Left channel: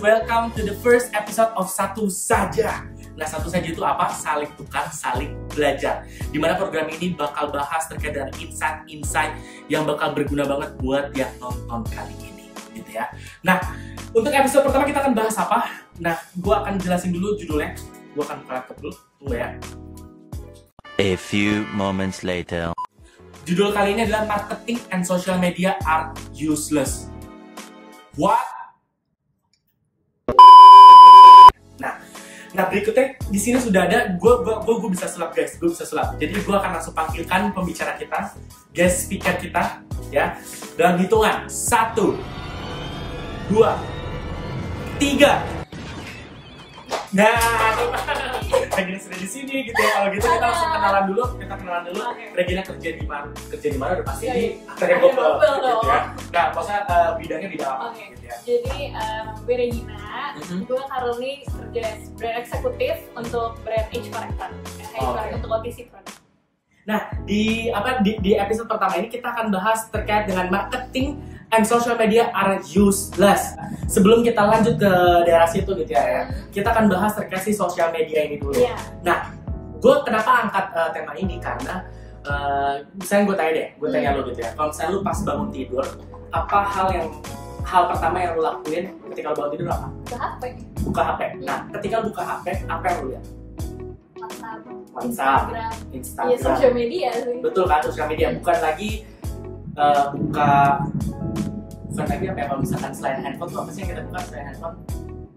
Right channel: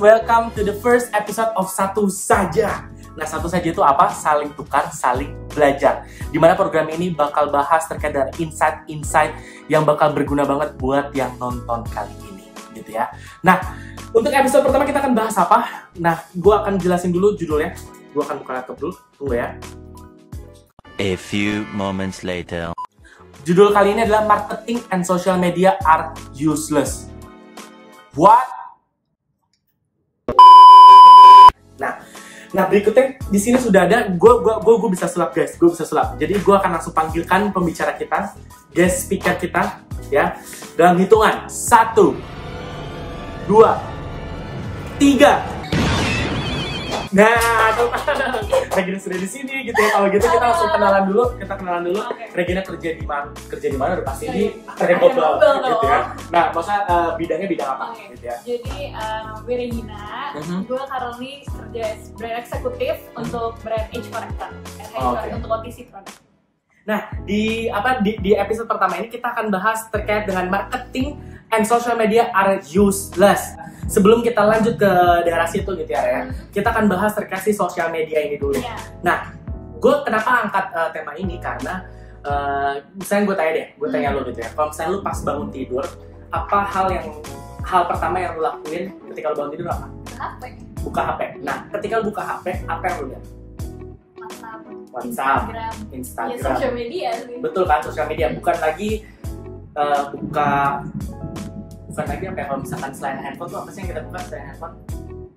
Welcome to the first episode of Satu Saja. Nah, Satu Saja itu apa? Saling tukar, saling belajar. Dimana program ini bakal bahas terkait dengan insight-insight yang bakal berguna banget buat yang nonton kali ini, gitu ya. Nah, untuk episode pertama kita akan bahas apa? Nah, gue akan jelasin dulu judulnya. Gue akan buka laptop dulu, tunggu ya. A few moments later. Judul kali ini adalah Marketing and Social Media are Useless. What? Nah berikutnya di sini sudah ada, gue bisa sulap guys, gue bisa sulap. Jadi gue akan langsung panggilkan pembicara kita, guest speaker kita, ya. Dalam hitungan 1, 2, 3. Nah, Regina sudah di sini gitu ya. Kalau gitu kita langsung kenalan dulu. Regina kerja di mana? Udah pasti di Global gitu ya. Nah, maksudnya bidangnya bidang apa gitu ya. Jadi gue Regina, gue currently kerja brand eksekutif untuk brand Age Corrector, untuk OTC produk. Nah, di episode pertama ini kita akan bahas terkait dengan marketing and social media are useless. Sebelum kita lanjut ke daerah situ gitu ya, kita akan bahas terkait si sosial media ini dulu. Yeah. Nah, gue kenapa angkat tema ini karena misalnya gue tanya lo gitu ya. Kalau misalnya lo pas bangun tidur, apa hal pertama yang lo lakuin ketika lo bangun tidur apa? Buka HP. Nah, ketika lo buka HP, apa yang lo lihat? WhatsApp, Instagram. Ya, sosial media sih. Betul kan, sosial media. Bukan lagi bukan lagi apa ya, kalau misalkan selain handphone tuh apa sih yang kita buka selain handphone?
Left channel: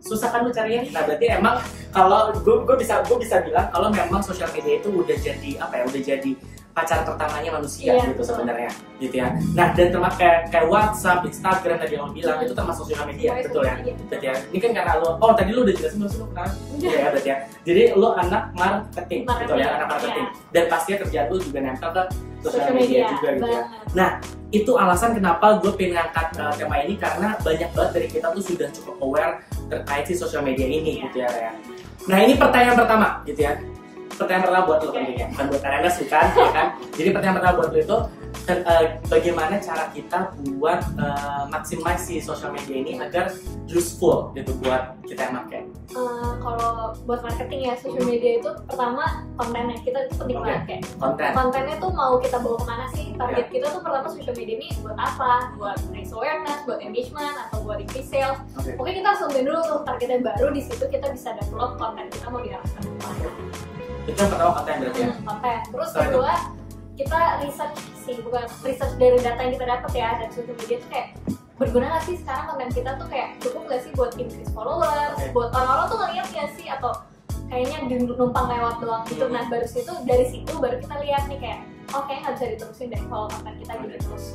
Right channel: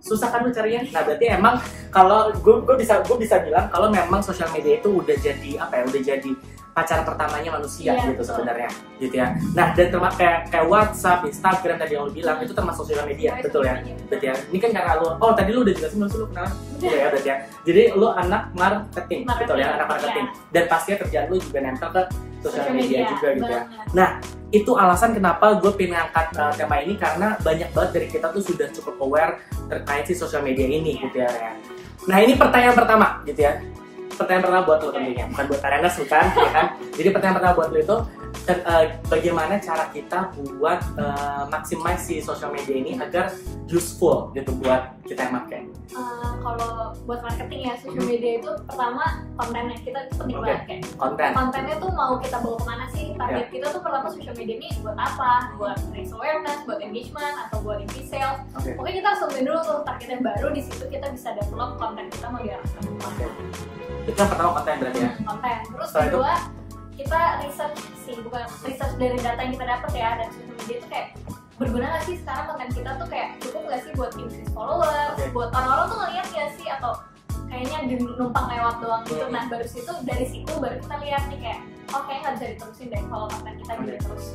Susah kan lu carinya. Nah, berarti emang kalau gue bisa bilang kalau memang sosial media itu udah jadi udah jadi pacar pertamanya manusia gitu sebenarnya, gitu ya. Nah, dan termasuk kayak WhatsApp, Instagram tadi yang lu bilang itu termasuk sosial media, betul ya? Berarti ya. Ini kan karena tadi lu udah jelasin lu kenal. Iya ya, berarti ya. Jadi lu anak marketing, betul ya, anak marketing. Dan pastinya kerjaan lu juga nempel ke sosial media juga gitu ya. Nah, itu alasan kenapa gue pengen ngangkat tema ini karena banyak banget dari kita tuh sudah cukup aware terkait si sosial media ini gitu ya. Nah, ini pertanyaan pertama gitu ya. Pertanyaan pertama buat lo tentunya, bukan buat Arenas bukan, ya kan? Jadi pertanyaan pertama buat lo itu bagaimana cara kita buat maximize si sosial media ini agar useful gitu buat kita yang pakai. Kalau buat marketing ya, social media itu pertama kontennya kita penting banget kayak. Kontennya tuh mau kita bawa kemana sih? Target kita tuh pertama social media ini buat apa? Buat raise awareness, buat engagement, atau buat increase sales. Oke, kita langsung dulu tuh targetnya, baru di situ kita bisa develop konten kita mau diarahkan kemana. Itu yang pertama konten berarti ya? Konten. Terus kedua kita research dari data yang kita dapat ya, dan social media itu kayak berguna nggak sih sekarang konten kita tuh, kayak cukup nggak sih buat increase followers, buat orang-orang tuh ngeliat nggak sih, atau kayaknya numpang lewat doang gitu. Nah, dari situ baru kita lihat nih kayak kayaknya nggak bisa diterusin deh kalau konten kita gini terus.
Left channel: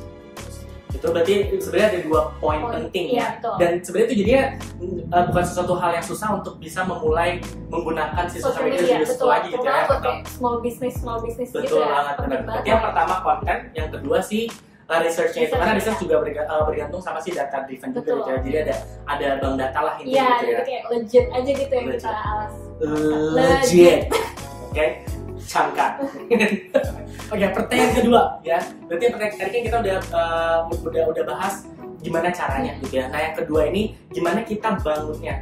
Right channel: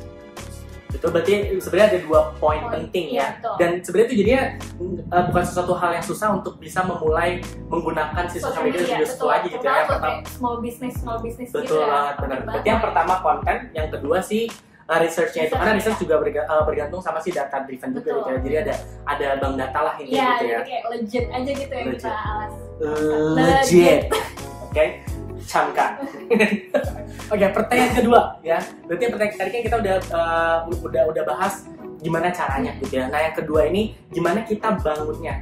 Itu berarti sebenarnya ada 2 poin penting ya. Dan sebenarnya itu jadinya bukan sesuatu hal yang susah untuk bisa memulai menggunakan si sosial media lebih useful lagi gitu ya. Small business betul gitu banget, benar. Berarti yang pertama konten, yang kedua sih researchnya itu, karena research juga bergantung sama si data driven juga gitu ya. Jadi ada bank data lah ini gitu ya. Iya, kayak legit aja gitu yang kita alas. Legit. Oke. Cangka. Oke, pertanyaan kedua ya. Berarti pertanyaan tadi kan kita udah bahas gimana caranya gitu ya. Nah, yang kedua ini gimana kita bangunnya.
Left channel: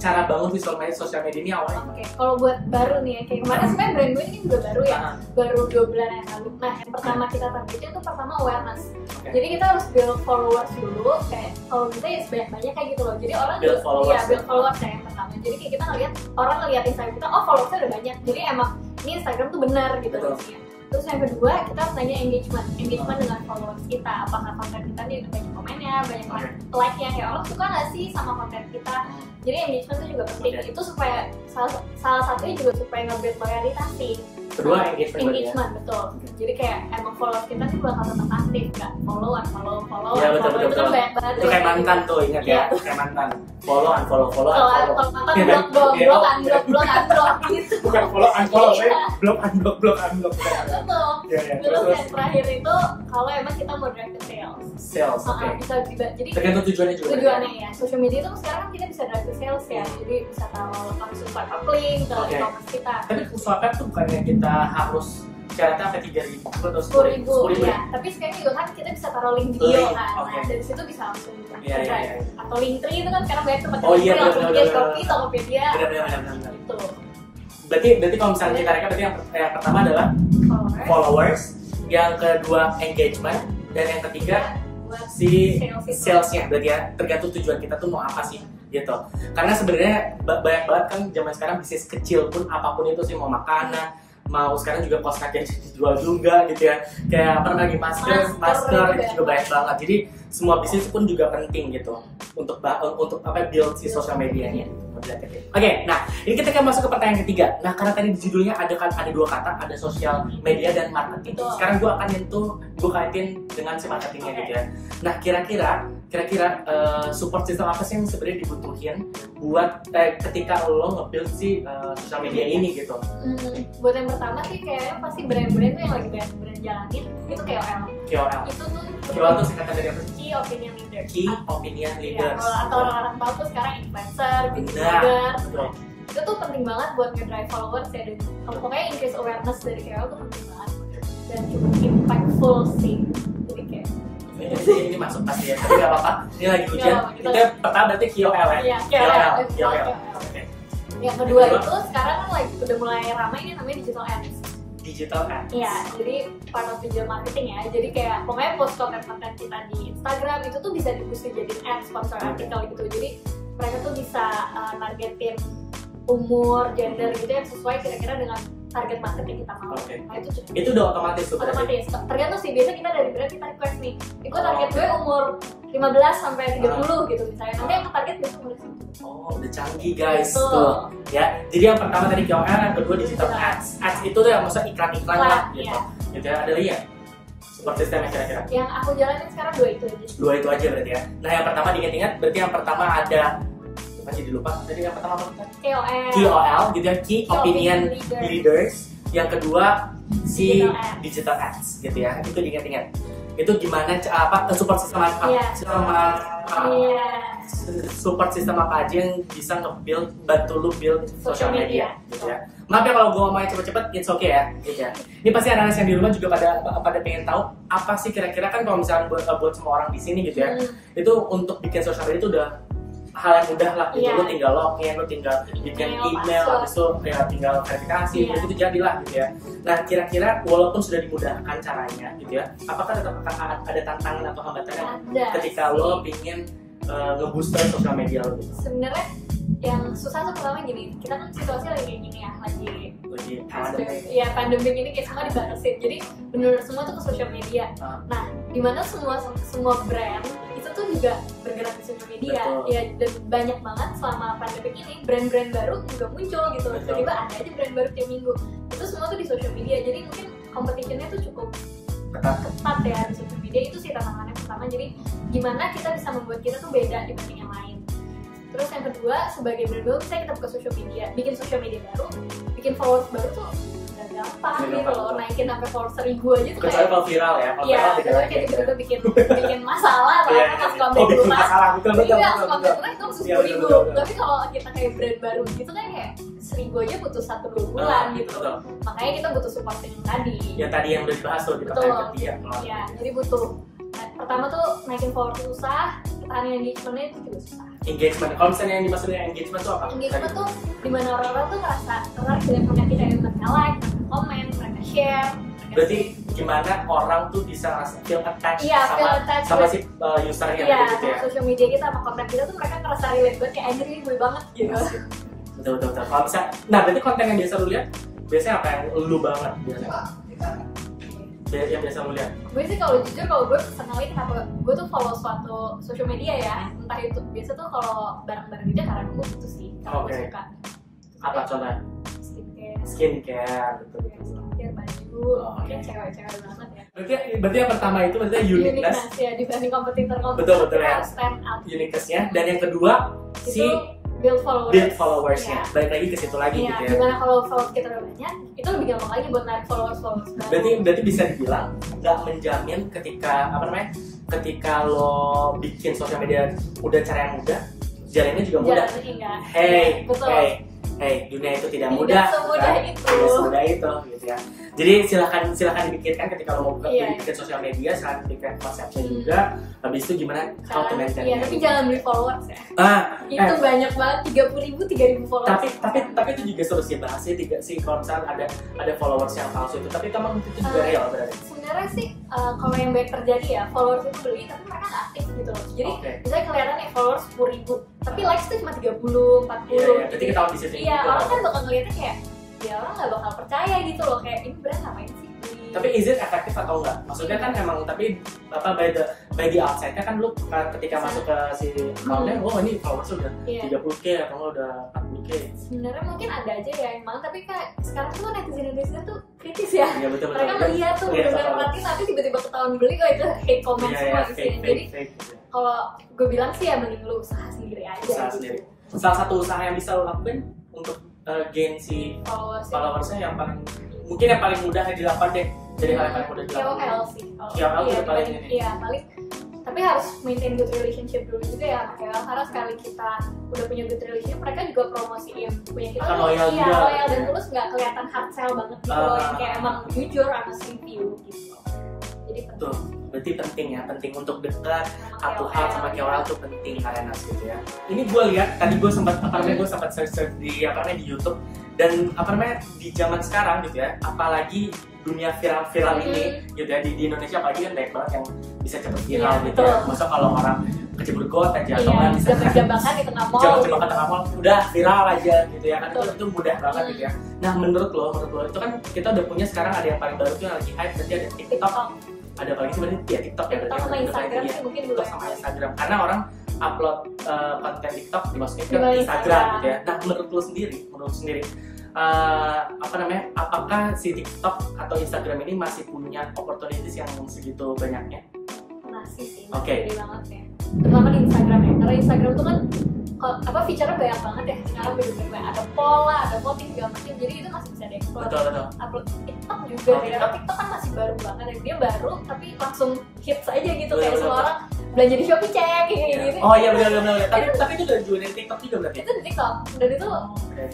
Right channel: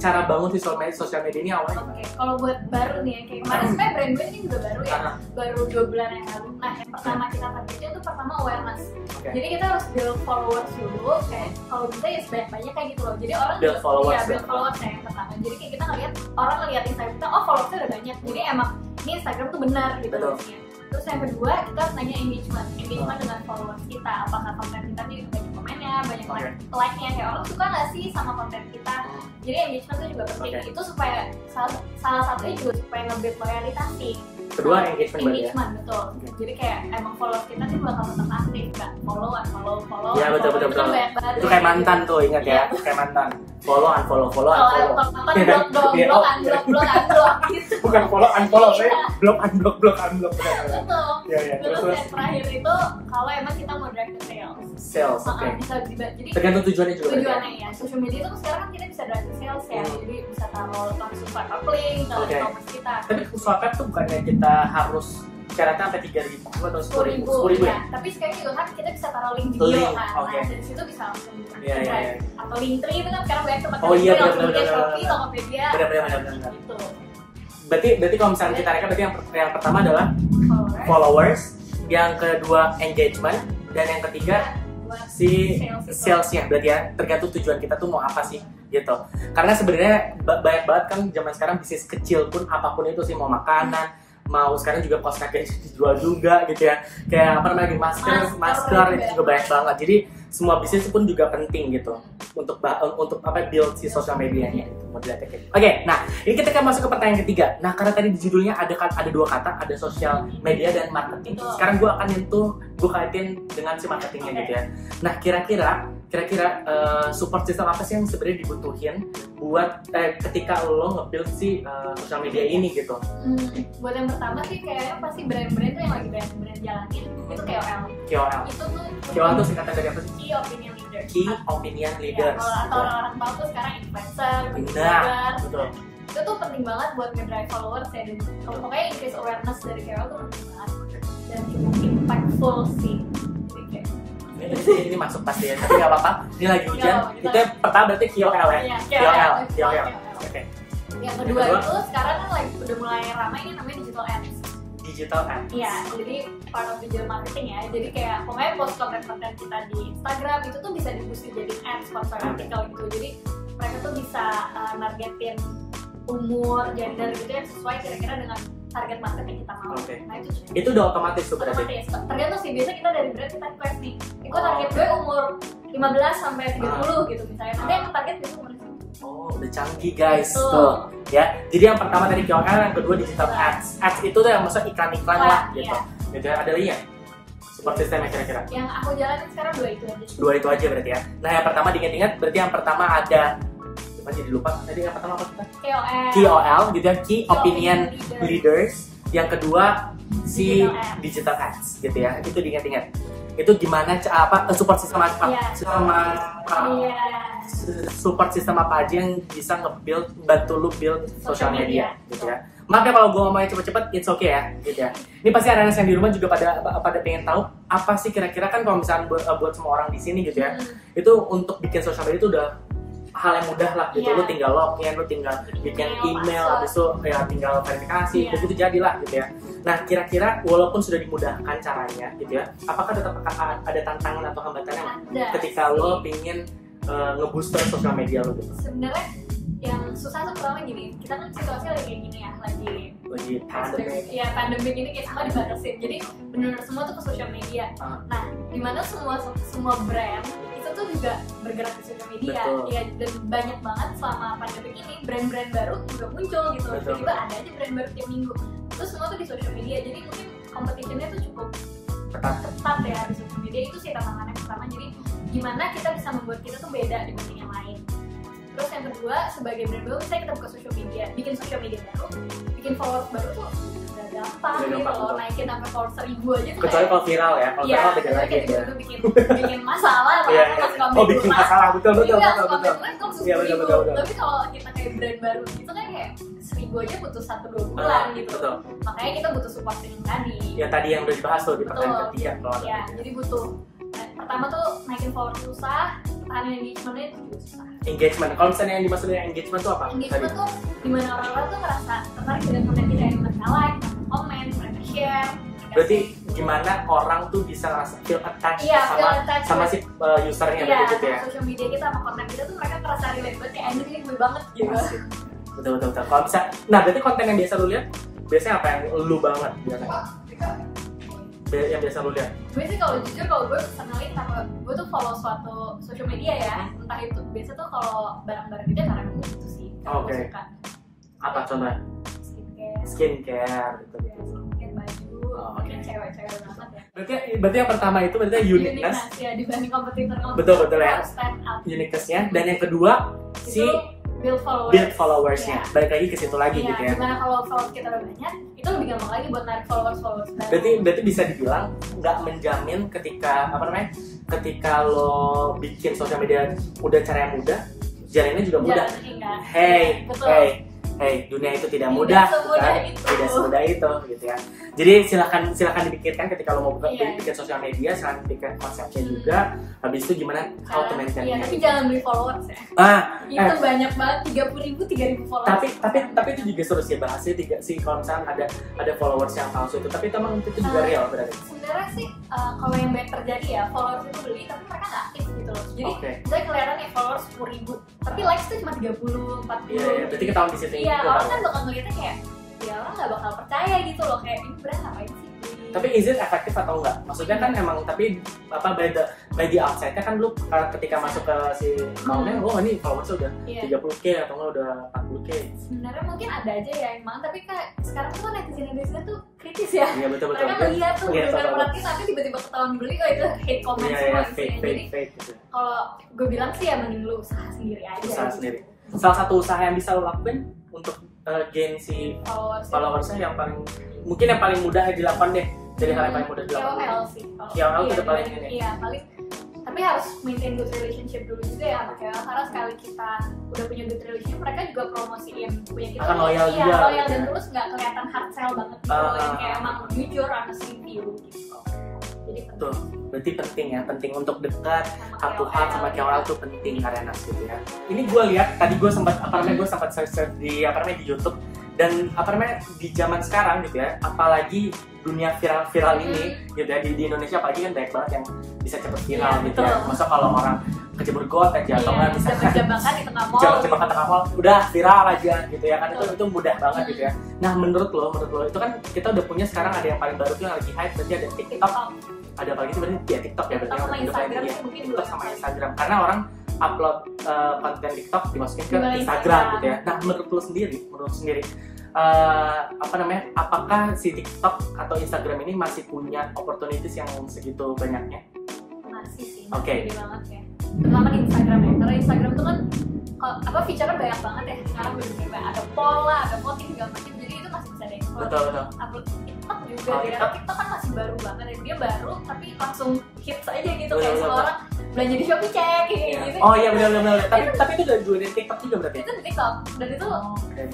Cara bangun sosial media ini awalnya. Oke, kalau buat baru nih ya, kayak kemarin sebenarnya brand gue ini juga baru ya. Baru 2 bulan yang lalu. Nah, yang pertama kita targetnya itu pertama awareness. Jadi kita harus build followers dulu, kayak kalau bisa ya sebanyak-banyak kayak gitu loh. Jadi orang build followers kayak yang pertama. Jadi kayak kita orang ngeliat Instagram kita, followersnya udah banyak. Jadi emang ini Instagram tuh benar gitu isinya. Terus yang kedua, kita harus nanya engagement dengan followers kita. Apakah konten kita nih banyak komennya, banyak like-nya, kayak orang suka nggak sih sama konten kita. Jadi engagement itu juga penting. Itu supaya salah satunya juga supaya nge-build loyalitas sih. Kedua engagement berarti ya. Engagement betul. Jadi kayak emang followers kita nih bakal tetap aktif, nggak follow. Iya betul. Itu kayak mantan tuh, ingat ya, kayak mantan. Follow, unfollow. Mantan blok gitu. Bukan follow, unfollow, blok. Betul. Iya. Terus Terus yang terakhir itu kalau emang kita mau drive ke sales. oke. Bisa jadi Tergantung tujuannya juga. tujuannya ya. Social media itu sekarang kan kita bisa drive ke sales ya. Jadi bisa taruh langsung swipe up link ke e-commerce kita. Tapi swipe up tuh bukannya kita harus syaratnya sampai 3.000 atau 10.000 ya. Tapi sekarang juga kan kita bisa taruh link bio kan. Okay. Dari situ bisa langsung Iya. atau Linktree itu kan sekarang banyak tempat benar. Shopee, Tokopedia. Benar. Gitu. Berarti kalau misalnya kita rekap, berarti yang pertama adalah followers, yang kedua engagement, dan yang ketiga si salesnya. Berarti ya tergantung tujuan kita tuh mau apa sih gitu. Karena sebenarnya banyak banget kan zaman sekarang bisnis kecil pun apapun itu sih, mau makanan, mau sekarang juga kosmetik dijual juga gitu ya, kayak apa namanya, masker itu juga banyak banget. Jadi semua bisnis pun juga penting gitu untuk apa build si sosial medianya gitu. Oke, nah ini kita akan masuk ke pertanyaan ketiga. Nah karena tadi di judulnya ada dua kata, ada sosial media dan marketing. Sekarang gue akan kaitin dengan si marketingnya gitu ya. Nah kira-kira support system apa sih yang sebenarnya dibutuhin buat ketika lo nge-build si sosial media ini gitu? Buat yang pertama sih kayaknya pasti brand-brand tuh yang lagi brand jalanin itu KOL. Itu tuh KOL tuh singkatan dari apa sih? Key Opinion Leader. Key Opinion Leaders. Ya, atau orang tahu tuh sekarang influencer, blogger. Betul. Itu tuh penting banget buat nge-drive followers ya, dan pokoknya increase awareness dari KOL tuh penting banget dan cukup impactful sih. Jadi kayak ini masuk pasti ya, tapi nggak apa-apa. Ini lagi hujan. Kita pertama berarti KOL ya. KOL. Oke. Yang kedua itu sekarang kan lagi udah mulai ramai yang namanya digital ads. Iya, jadi part of digital marketing ya. Jadi kayak pokoknya post konten kita di Instagram itu tuh bisa diboost jadi ads, sponsor artikel gitu. Jadi mereka tuh bisa targetin umur, gender gitu yang sesuai kira-kira dengan target market yang kita mau. Nah itu udah otomatis tuh berarti. Otomatis. Tergantung sih, biasa kita dari brand kita request nih, ikut target gue umur 15 sampai 30 gitu misalnya. Nanti yang target itu umur itu. Udah canggih guys. Tuh. Ya. Jadi yang pertama dari KOL, yang kedua digital ads. Ads itu tuh yang maksudnya iklan-iklan lah gitu. Gitu ya. Ada lagi ya? Support systemnya kira-kira? Yang aku jalanin sekarang dua itu aja. Dua itu aja berarti ya. Nah yang pertama diingat-ingat, berarti yang pertama ada masih dilupa. Tadi yang pertama apa kita? KOL gitu ya, Key Opinion Leaders. Yang kedua si digital ads gitu ya. Itu diingat-ingat. Itu gimana support system support system apa aja yang bisa bantu lu build social media gitu ya. Maaf ya kalau gue ngomongnya cepet-cepet, it's okay ya gitu ya. Ini pasti anak-anak yang di rumah juga pada pengen tahu apa sih kira-kira, kan kalau misalnya buat semua orang di sini gitu ya, itu untuk bikin social media itu udah hal yang mudah lah gitu. Lu tinggal login, lu tinggal bikin email, habis itu ya tinggal verifikasi, begitu jadilah gitu ya. Nah kira-kira walaupun sudah dimudahkan caranya gitu ya, apakah tetap akan ada tantangan atau hambatannya ketika lo pingin ngebooster sosial media lo gitu? Sebenarnya yang susah tuh pertama gini, kita kan situasi lagi kayak gini ya, lagi pandemik. Ya pandemik ini kayak semua dibatasin, jadi bener semua tuh ke sosial media. Nah dimana semua brand itu tuh juga bergerak di sosial media. Ya dan banyak banget selama pandemik ini brand-brand baru juga muncul gitu. Tiba-tiba ada aja brand baru tiap minggu. Itu semua tuh di sosial media, jadi mungkin competition-nya tuh cukup ketat ya di sosial media. Itu sih tantangannya pertama. Jadi gimana kita bisa membuat kita tuh beda dibanding yang lain. Terus yang kedua, sebagai brand baru misalnya kita buka social media, bikin social media baru, bikin followers baru tuh gak gampang gitu loh, naikin sampai followers 1000 aja tuh kecuali kalau viral ya, kalau viral beda lagi ya. Itu bikin masalah atau pas komen bikin masalah, betul. Tapi kalau kita kayak brand baru gitu kan kayak 1000 aja butuh 1-2 bulan gitu. Makanya kita butuh support yang tadi. Ya tadi yang udah dibahas tuh di pertanyaan ketiga. Ya, jadi butuh. Pertama tuh naikin followers susah, pertahanan engagement-nya itu juga susah. Engagement, kalau misalnya yang dimaksud dengan engagement tuh apa? Engagement tuh dimana orang-orang tuh ngerasa tertarik dengan konten kita, yang mereka like, komen, mereka share. Berarti gimana orang tuh bisa ngerasa feel attached sama si usernya gitu ya? Social media kita sama konten kita tuh mereka ngerasa relate banget, kayak anjir ini gue banget gitu. Betul. Kalau bisa, nah berarti konten yang biasa lu lihat, biasanya apa yang lu banget biasanya? Yang biasa lu lihat? Gue sih kalau jujur, kalau gue personally kenapa gue tuh follow suatu social media ya, entah itu biasa tuh kalau barang-barang gitu karena gue butuh sih. Oke. Apa contohnya? Skincare. skincare, betul. Skincare, baju, Oh, oke. cewek-cewek banget ya. Berarti yang pertama itu berarti uniqueness. Ya dibanding kompetitor Betul ya. harus stand up. Uniqueness-nya, dan yang kedua si Itu build followersnya. Ya. Balik lagi ke situ lagi Iya, gitu ya. dimana kalau followers kita udah banyak, itu lebih gampang lagi buat narik followers baru. Berarti bisa dibilang nggak menjamin ketika lo bikin sosial media udah cara yang mudah, jalannya juga mudah. Enggak. Betul. Hey, dunia itu tidak mudah, tidak semudah itu, gitu ya. Jadi silahkan dipikirkan ketika lo mau bikin sosial media, silahkan pikirkan konsepnya juga. Habis itu gimana how to maintain. Iya, tapi jangan beli followers ya. Itu banyak banget, 30.000 followers. Tapi itu juga seru sih bahas sih kalau misalnya ada followers yang palsu itu. Tapi emang itu juga real berarti. Sebenarnya sih kalau yang baik terjadi ya, followers itu beli tapi mereka nggak aktif gitu loh. Jadi misalnya kelihatan nih followers 10.000, tapi likes tuh cuma 30, 40. Iya, berarti ketahuan di situ. Iya, orang kan bakal ngeliatnya kayak ya orang nggak bakal percaya gitu loh, kayak ini brand ngapain sih? Tapi is it efektif atau enggak? Maksudnya kan emang tapi by the outside-nya kan lu ketika masuk ke si account-nya, ini followers udah 30k atau enggak udah 40k. Sebenarnya mungkin ada aja ya emang, tapi kayak sekarang tuh netizen tuh kritis ya. Iya betul. Mereka melihat tuh dengan perhatiin nanti tiba-tiba ketahuan beli kok itu hate comment semua isinya. Jadi kalau gue bilang sih ya mending lu usaha sendiri aja. Usaha sendiri. Salah satu usaha yang bisa lo lakuin untuk gain si followersnya yang paling mudah dilakukan deh. Jadi hal yang paling mudah dilakukan. KOL sih. KOL itu udah paling ini. Iya, paling. Tapi harus maintain good relationship dulu juga ya sama KOL, karena sekali kita udah punya good relationship, mereka juga promosiin punya kita. Akan loyal juga. Iya, loyal dan tulus, nggak kelihatan hard sell banget gitu loh, yang kayak emang jujur honest review gitu. Jadi betul. Berarti penting untuk dekat satu hal sama KOL tuh penting Arenas gitu ya. Ini gue lihat tadi gue sempat search di YouTube, dan di zaman sekarang gitu ya, apalagi dunia viral ini gitu ya, di Indonesia apalagi kan banyak banget yang bisa cepet viral gitu ya. Masa kalau orang kejebur got aja atau nggak misalnya jebakan di tengah mall, jebakan tengah mall udah viral aja gitu ya kan, itu mudah banget gitu ya. Nah menurut lo itu kan kita udah punya sekarang ada yang paling baru tuh yang lagi hype, berarti ada TikTok, ada apalagi sih berarti ya TikTok ya berarti sama Instagram sih mungkin TikTok sama Instagram, karena orang upload konten TikTok dimasukin ke Instagram gitu ya. Nah menurut lo sendiri apakah si TikTok atau Instagram ini masih punya opportunities yang segitu banyaknya? Masih sih, Oke. Banget ya. Terutama di Instagram ya, karena Instagram itu kan feature-nya banyak banget ya. Sekarang bener-bener ada poll lah, ada voting segala macam, jadi itu masih bisa di-explore. Betul. Upload TikTok juga ya, TikTok kan masih baru banget ya, dia baru tapi langsung hits aja gitu, kayak semua orang belanja di Shopee cek kayak gitu. Oh iya benar. Tapi itu udah di TikTok juga berarti? Itu di TikTok, dan itu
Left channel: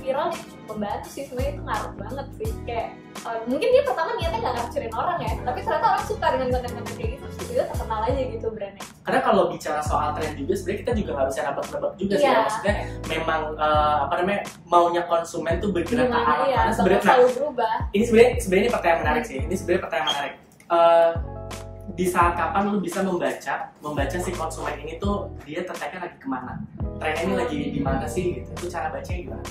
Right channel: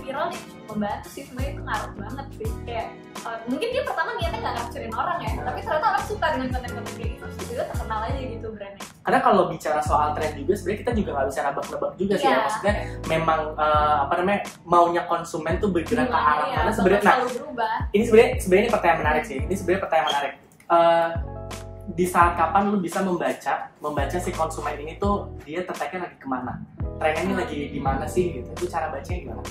viral nih, membantu sih sebenarnya, itu ngaruh banget sih. Kayak mungkin dia pertama niatnya nggak ngacauin orang ya, tapi ternyata orang suka dengan konten-konten kayak gitu, terus dia terkenal aja gitu brandnya. Karena kalau bicara soal tren juga sebenarnya kita juga nggak bisa nebak-nebak juga sih ya. Maksudnya memang maunya konsumen tuh bergerak ke arah mana sebenarnya. Ini sebenarnya pertanyaan menarik sih. Di saat kapan lu bisa membaca si konsumen ini tuh dia tertariknya lagi kemana, trennya ini lagi di mana sih gitu. Itu cara bacanya gimana?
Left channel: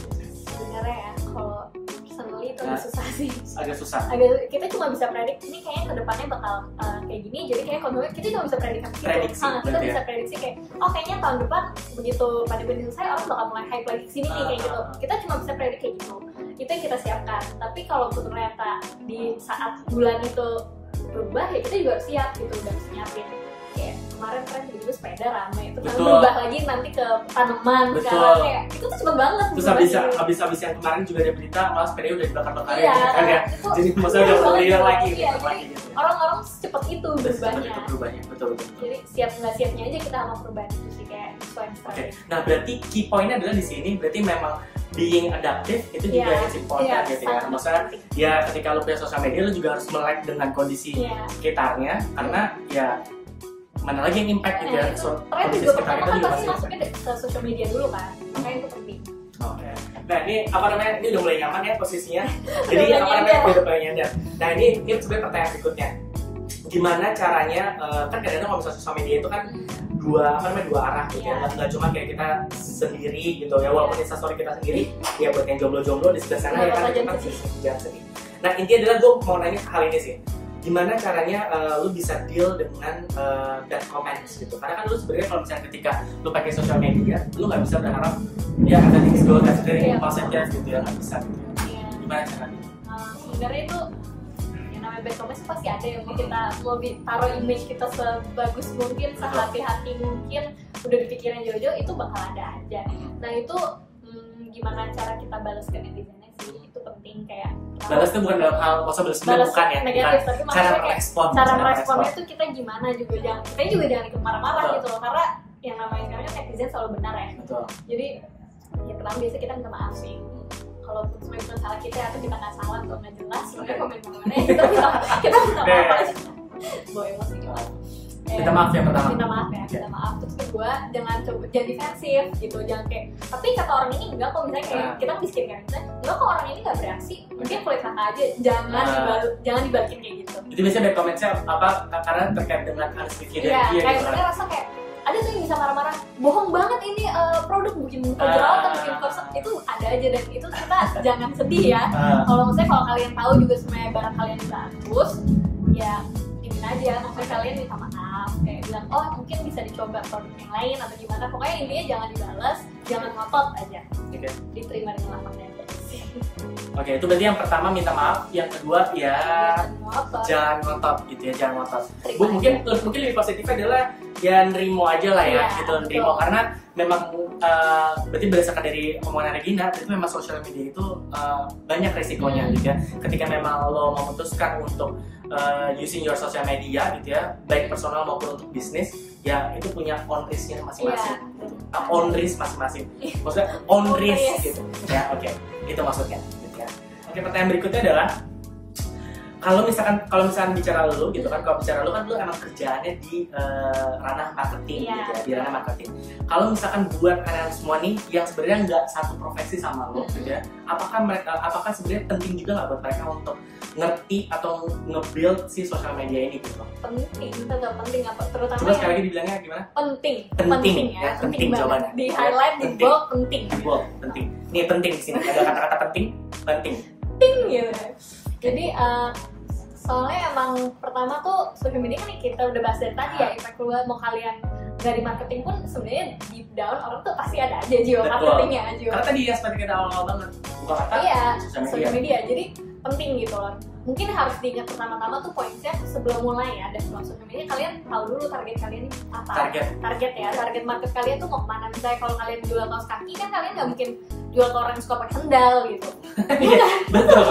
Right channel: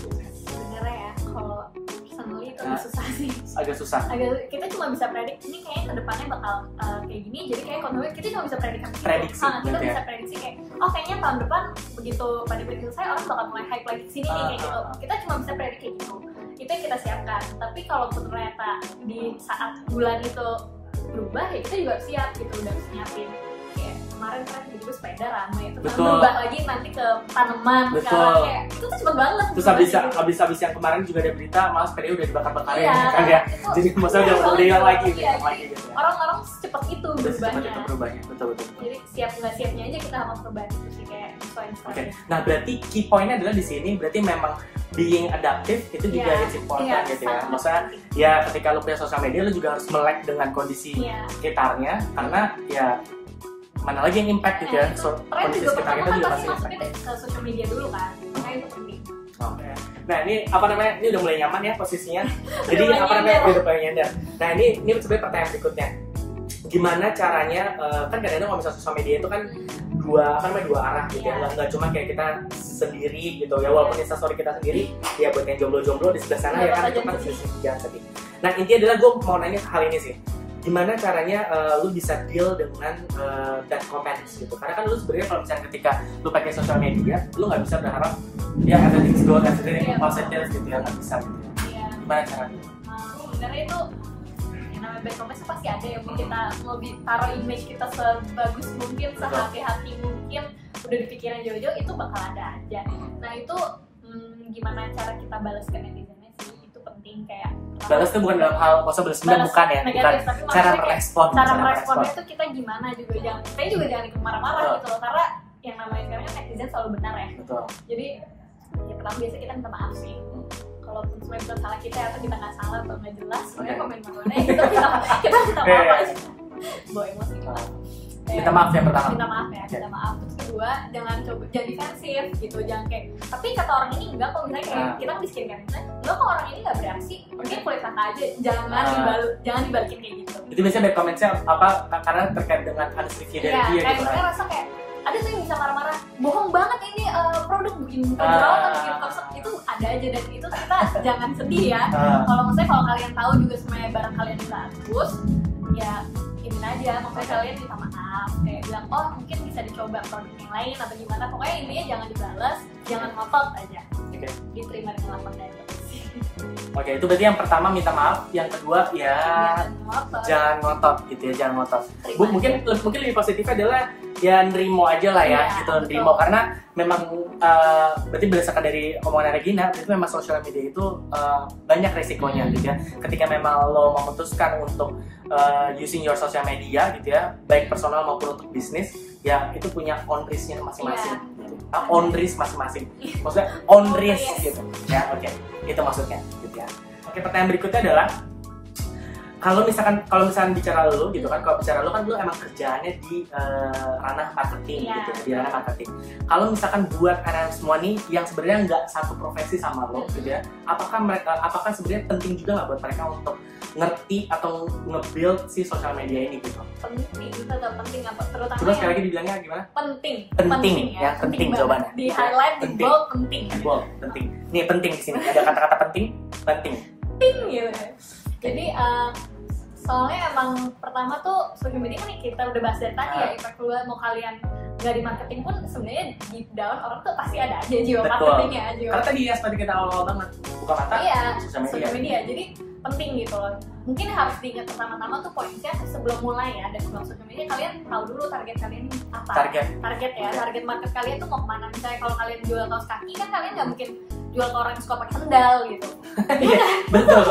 Sebenarnya ya kalau personally itu susah sih. Agak susah. Kita cuma bisa predik ini kayaknya kedepannya bakal kayak gini. Jadi kayak konsumen kita cuma bisa prediksi. Kita bisa prediksi kayak kayaknya tahun depan begitu pandemi selesai orang bakal mulai hype lagi kesini nih kayak gitu. Kita cuma bisa predik kayak gitu. Itu yang kita siapkan. Tapi kalau ternyata di saat bulan itu berubah ya kita juga siap gitu, udah nyiapin. Kayak kemarin kan tiba-tiba sepeda ramai itu kan berubah lagi nanti ke tanaman sekarang, kayak itu tuh cepet banget. Terus habis yang kemarin juga ada berita malah sepeda udah dibakar-bakarin kan ya. Jadi maksudnya udah lihat lagi gitu. Orang-orang secepat itu berubahnya. Betul. Jadi siap nggak siapnya aja kita sama perubahan itu sih, kayak Oke. Nah berarti key point-nya adalah di sini berarti memang being adaptive itu juga is important gitu ya. Maksudnya ya ketika lu punya sosial media lu juga harus melek dengan kondisi sekitarnya, karena ya mana lagi yang impact gitu ya. Kondisi sekitar kita juga masih masuknya ke sosial media dulu kan, makanya itu penting. Oke. Nah ini ini udah mulai nyaman ya posisinya. Jadi udah mulai nyender. Nah ini sebenarnya pertanyaan berikutnya. Gimana caranya kan kadang-kadang kalau misalnya sosial media itu kan dua arah gitu ya, nggak cuma kayak kita sendiri gitu ya, walaupun Instastory kita sendiri ya buat yang jomblo-jomblo di sebelah sana ya kan, itu kan jangan sedih. Nah intinya adalah gue mau nanya hal ini sih, gimana caranya lu bisa deal dengan bad comments gitu, karena kan lu sebenarnya kalau misalnya ketika lu pakai sosial media lu nggak bisa berharap ya everything's good, everything positive gitu ya, nggak bisa gitu. Gimana caranya? Sebenarnya itu yang namanya bad comments pasti ada ya, mau kita mau taruh image kita sebagus mungkin, sehati-hati mungkin, udah dipikirin jauh-jauh, itu bakal ada aja. Nah itu gimana cara kita balas ke netizennya sih, itu penting. Kayak balas itu bukan dalam hal maksudnya balas bukan ya, negatif, bukan cara merespon. Cara meresponnya tuh kita gimana juga, saya juga jangan ikut marah-marah gitu loh, karena yang namanya sekarang netizen selalu benar ya. Betul. Jadi ya pertama biasa kita minta maaf sih. Kalaupun sebenarnya bukan salah kita atau kita nggak salah atau nggak jelas, sebenarnya komen marahnya kita minta maaf aja. Bawa emosi kalau minta maaf yang pertama. Minta maaf ya, minta maaf. Terus kedua, jangan defensif gitu, jangan kayak. Tapi kata orang ini enggak kok, misalnya kayak kita miskin kan, misalnya enggak kok orang ini nggak bereaksi, mungkin kulit kakak aja, jangan dibalikin kayak gitu. Itu biasanya bad comment-nya apa? Karena terkait dengan honesty dari dia kayak gitu. misalnya rasa kayak ada tuh yang bisa marah-marah, bohong banget ini produk bikin jerawatan, bikin korsel, itu ada aja, dan itu kita jangan sedih ya. Kalau misalnya kalau kalian tahu juga sebenarnya barang kalian bagus, ya ini aja, makanya kalian minta maaf, kayak bilang oh mungkin bisa dicoba produk yang lain atau gimana, pokoknya intinya jangan dibalas, jangan ngotot aja, diterima dengan lapang dada. Oke, itu berarti yang pertama minta maaf, yang kedua ya jangan ngotot gitu ya, jangan ngotot. Mungkin lebih positifnya adalah ya nerimo aja lah ya, gitu, nerimo, karena memang berarti berdasarkan dari omongan Regina, itu memang sosial media itu banyak resikonya gitu ya. Ketika memang lo memutuskan untuk using your social media gitu ya, baik personal maupun untuk bisnis, ya itu punya on risk-nya masing-masing. On risk masing-masing. Maksudnya on risk gitu. Ya, oke. Itu maksudnya gitu ya. Oke, pertanyaan berikutnya adalah kalau misalkan bicara lu gitu kan, kalau bicara lu kan lu emang kerjaannya di ranah marketing gitu ya, di ranah marketing. Kalau misalkan buat anak semua nih yang sebenarnya nggak satu profesi sama lo gitu ya, apakah sebenarnya penting juga nggak buat mereka untuk ngerti atau nge-build si sosial media ini gitu? Penting, tetap penting, apa terutama. Coba sekali lagi dibilangnya gimana? Penting ya, penting jawabannya. Di highlight, di bold, penting. Bold, penting. Nih penting di sini ada kata-kata penting gitu. Jadi soalnya emang pertama tuh social media kan kita udah bahas dari tadi ya, impact keluar, mau kalian nggak di marketing pun sebenarnya deep down orang tuh pasti ada aja jiwa marketingnya. Karena tadi ya seperti kita awal banget buka mata social media. Jadi penting gitu loh. Mungkin harus diingat pertama-tama tuh poinnya sebelum mulai ya, dan sebelum social media kalian tahu dulu target kalian apa. Target market kalian tuh mau kemana. Misalnya kalau kalian jual kaos kaki kan kalian nggak mungkin jual ke orang yang suka pakai sendal gitu. Betul.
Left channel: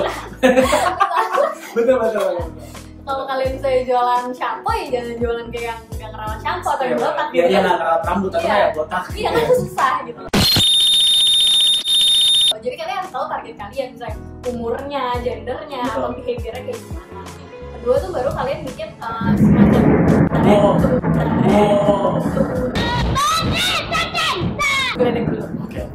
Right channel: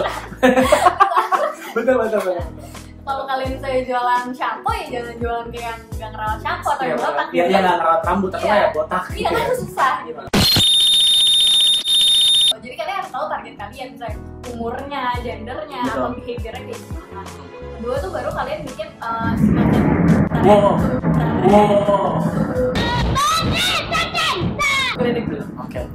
Kalau kalian misalnya jualan shampoo ya jangan jualan kayak yang nggak ngerawat shampoo atau yang botak. Iya, nggak ngerawat rambut atau kayak botak. Iya, kan susah gitu. Jadi kalian harus tahu target kalian, misalnya umurnya, gendernya, atau behaviornya kayak gimana. Kedua tuh baru kalian bikin branding dulu. Oke.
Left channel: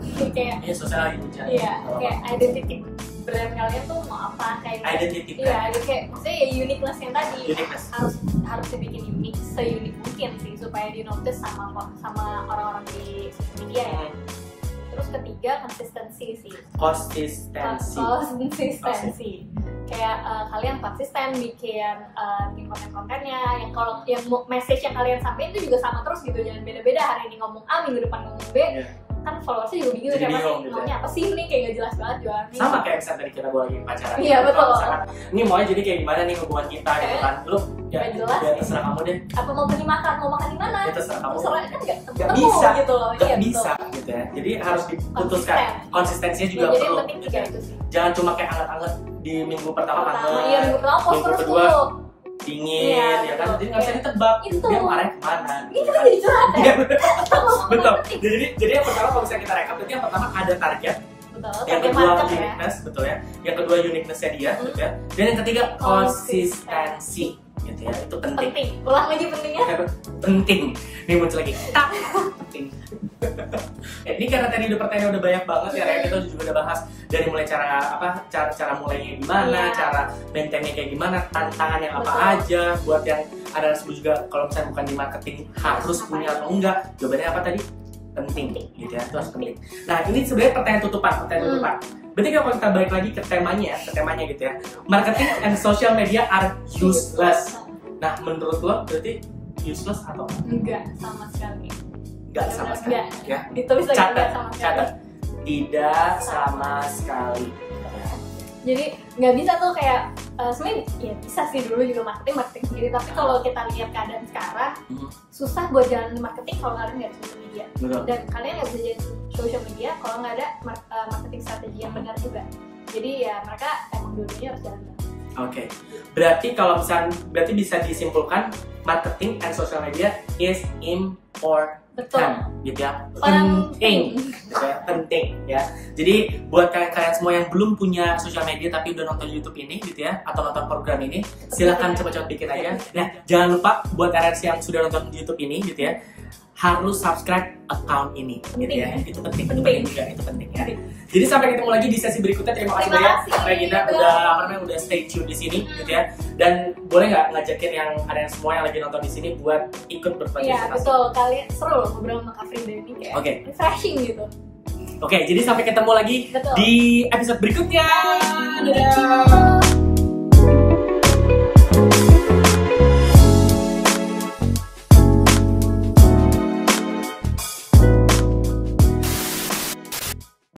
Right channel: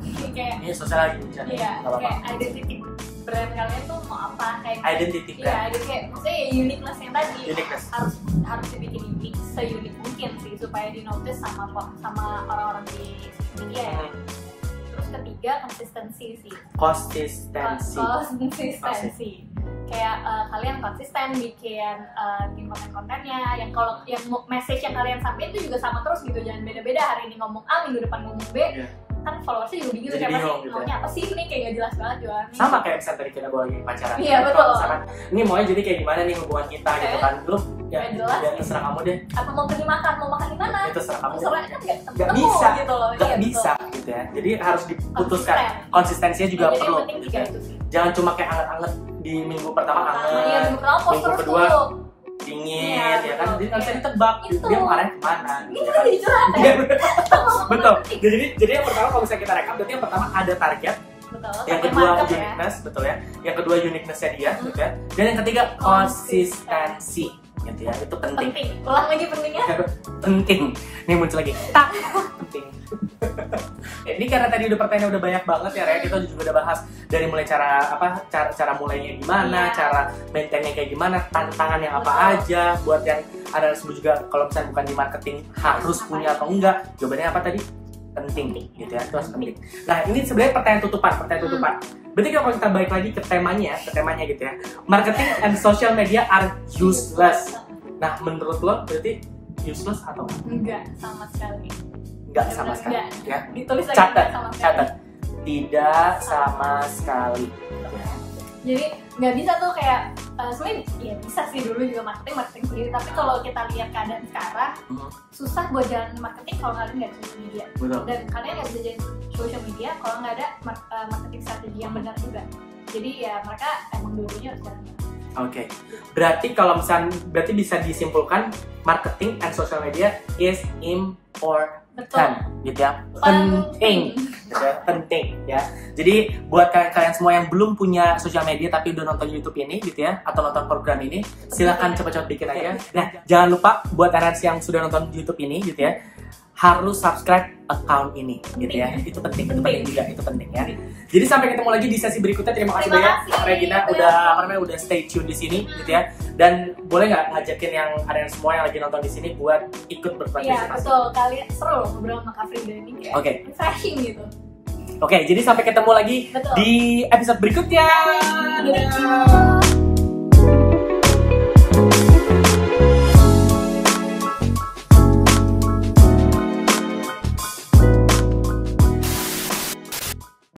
Ini sosial lagi bicara. Iya, kayak identity brand kalian tuh mau apa, kayak identity brand. Iya, jadi kayak maksudnya ya uniqueness yang tadi. Uniqueness. Harus dibikin unik, se-unik mungkin sih supaya di notice sama orang-orang di social media ya. Terus ketiga konsistensi sih. Konsistensi. Kayak kalian konsisten bikin konten-kontennya, yang kalau yang message yang kalian sampaikan itu juga sama terus gitu, jangan beda-beda, hari ini ngomong A, minggu depan ngomong B. Kan followersnya juga bingung siapa sih gitu maunya apa sih, ini kayak gak jelas banget jualannya. Sama kayak misalnya tadi kita bawa lagi pacaran. Iya betul. Misalkan ini maunya jadi kayak gimana nih hubungan kita gitu kan, lu ya terserah kamu deh. Apa mau pergi makan, mau makan di mana? Ya terserah kamu. Soalnya kan nggak bisa gitu loh. Nggak bisa gitu ya. Jadi harus diputuskan. Konsistensinya juga perlu. Gitu. Jangan cuma kayak anget-anget di minggu pertama anget, minggu kedua dingin, ya kan, jadi nggak bisa ditebak dia marahnya kemana. Ini kan jadi curhat ya. Betul. Jadi yang pertama kalau misalnya kita rekap, berarti yang pertama ada target. Yang kedua uniqueness, betul ya. Yang kedua uniqueness-nya dia, gitu ya. Dan yang ketiga konsistensi, gitu ya. Itu penting. Ulang lagi pentingnya. Penting. Nih muncul lagi. Penting. Ini karena tadi udah pertanyaan udah banyak banget ya, Rea. Kita juga udah bahas dari mulai cara mulainya gimana, cara maintainnya kayak gimana, tantangan yang apa aja, buat yang ada juga kalau misalnya bukan di marketing harus punya atau enggak. Jawabannya apa tadi? Penting, gitu ya. Itu harus penting. Nah, ini sebenarnya pertanyaan tutupan. Berarti kalau kita balik lagi ke temanya gitu ya. Marketing and social media are useless. Nah, menurut lo berarti useless atau enggak sama sekali? Enggak sama sekali. Ya. Ditulis lagi catat. Tidak sama sekali. Jadi nggak bisa tuh kayak sebenarnya ya bisa sih dulu juga marketing sendiri, tapi kalau kita lihat keadaan sekarang susah buat jalan marketing kalau kalian nggak ada social media. Betul. Dan kalian nggak bisa jadi social media kalau nggak ada marketing strategi yang benar juga. Jadi ya mereka emang dulunya harus jalan. Oke, berarti kalau misalnya bisa disimpulkan marketing and social media is important, gitu ya, penting, gitu ya, penting ya. Jadi buat kalian semua yang belum punya social media tapi udah nonton YouTube ini, gitu ya, atau nonton program ini, silakan coba-coba bikin aja. Nah, jangan lupa buat RS yang sudah nonton YouTube ini, gitu ya, harus subscribe account ini, gitu ya. Itu penting juga, itu penting ya. Jadi sampai ketemu lagi di sesi berikutnya. Terima kasih banyak Regina udah stay tune di sini, gitu ya. Dan boleh nggak ngajakin yang kalian semua yang lagi nonton di sini buat ikut berpartisipasi? Iya betul, kalian seru loh ngobrol sama Kak Frida ini kayak refreshing gitu. Oke, jadi sampai ketemu lagi di episode berikutnya. Dadah.